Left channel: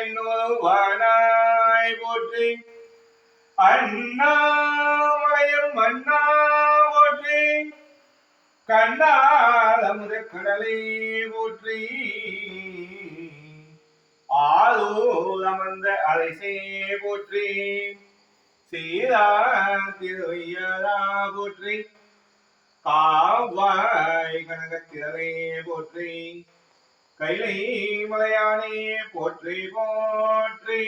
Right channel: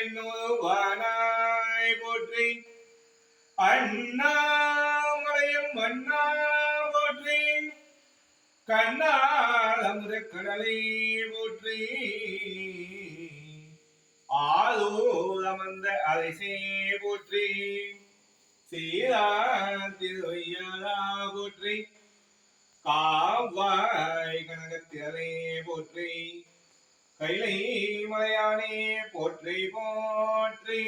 எண்ணுவானாய் போற்றி அண்ணாமலையும் மன்னா போற்றி கண்ணாலமுத கடலை போற்றி ஆளூர் அமர்ந்த அரைசே போற்றி சீரா திருவையரா போற்றி காவாய் கனகத்திரளே போற்றி கைலை மலையானே போற்றி போற்றி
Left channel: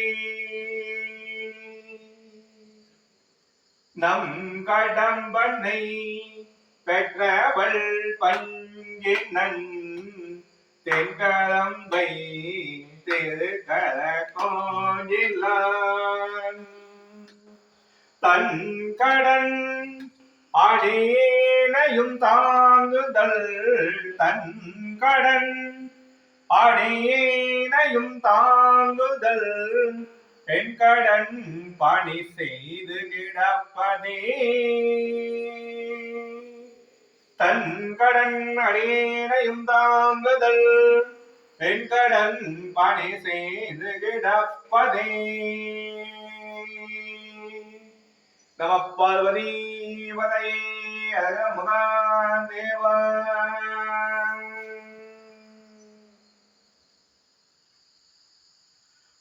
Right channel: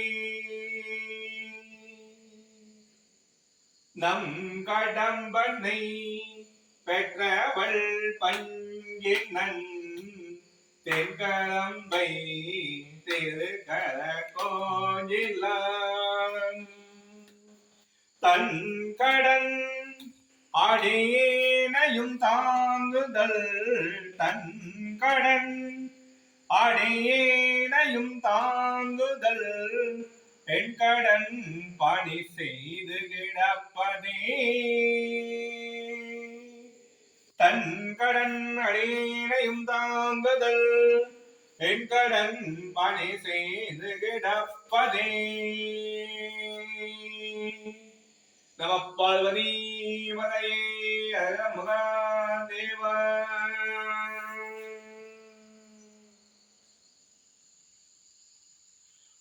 நம் கடம்பனை பெற்றவள் பங்கினன் தென்கடம்பை திருக்கர கோயிலான் தன் கடன் அடியேனையும் தாங்குதல் தன் கடன் அடியேனையும் தாங்குதல் பெண் கடன் பணி செய்து கிடப்பதே தன் கடன் அடியேனையும் தாங்குதல் பெண் கடன் பணி செய்து கிடப்பதே நம பார்வதி வதையே அர மகாதேவா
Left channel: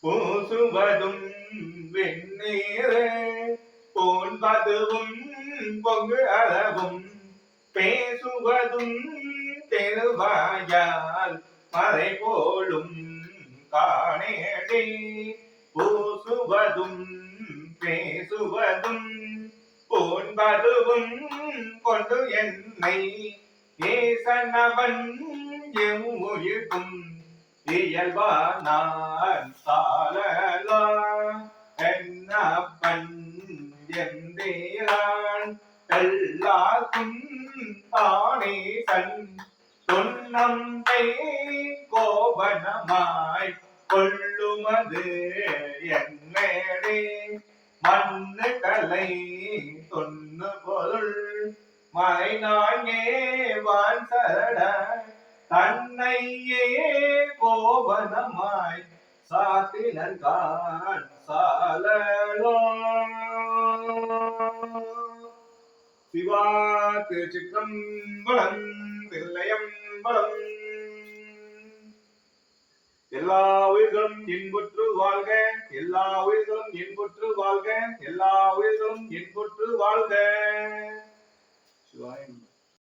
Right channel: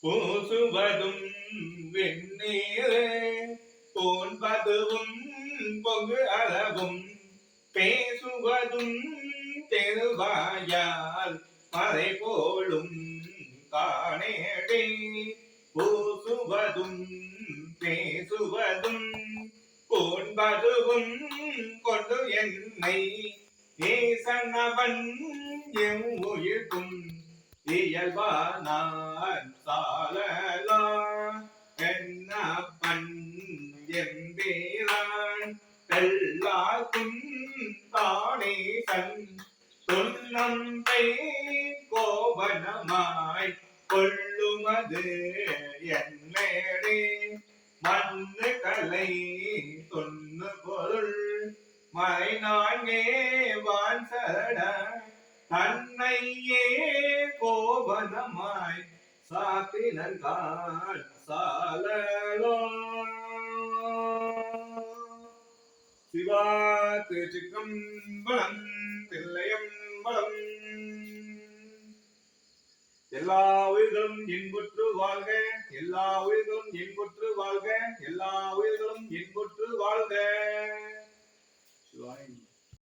பூசுவதும் வெண்ணீரே போன்பதுவும் பொங்கு அளவும் பேசுவதும் தெருவாயால் மறை போலும் காணேடே பூசுவதும் பேசுவதும் போன்பதுவும் கொண்டு என்னை ஏசனவன் எம்முயிர்க்கும் இயல்பானான் சாலலா என்னப்பன் எம்பீரான் எல்லாக்கும் தானே தன் சொன்னம்பை கோபனமாய் கொள்ளுமது என்னே மண்ணு கலை தொன்னு பொருள் மறை நான்கே வான் சரட தன்னையே கோபனமாய் சாத்தினர்கான் சாலலோ சிவா திருச்சிற்றம்பலம் தில்லையம்பலம் எல்லா உயிர்களும் இன்புற்று வாழ்க எல்லா உயிர்களும் இன்புற்று வாழ்க எல்லா உயிர்களும் இன்புற்று வாழ்க சிவாய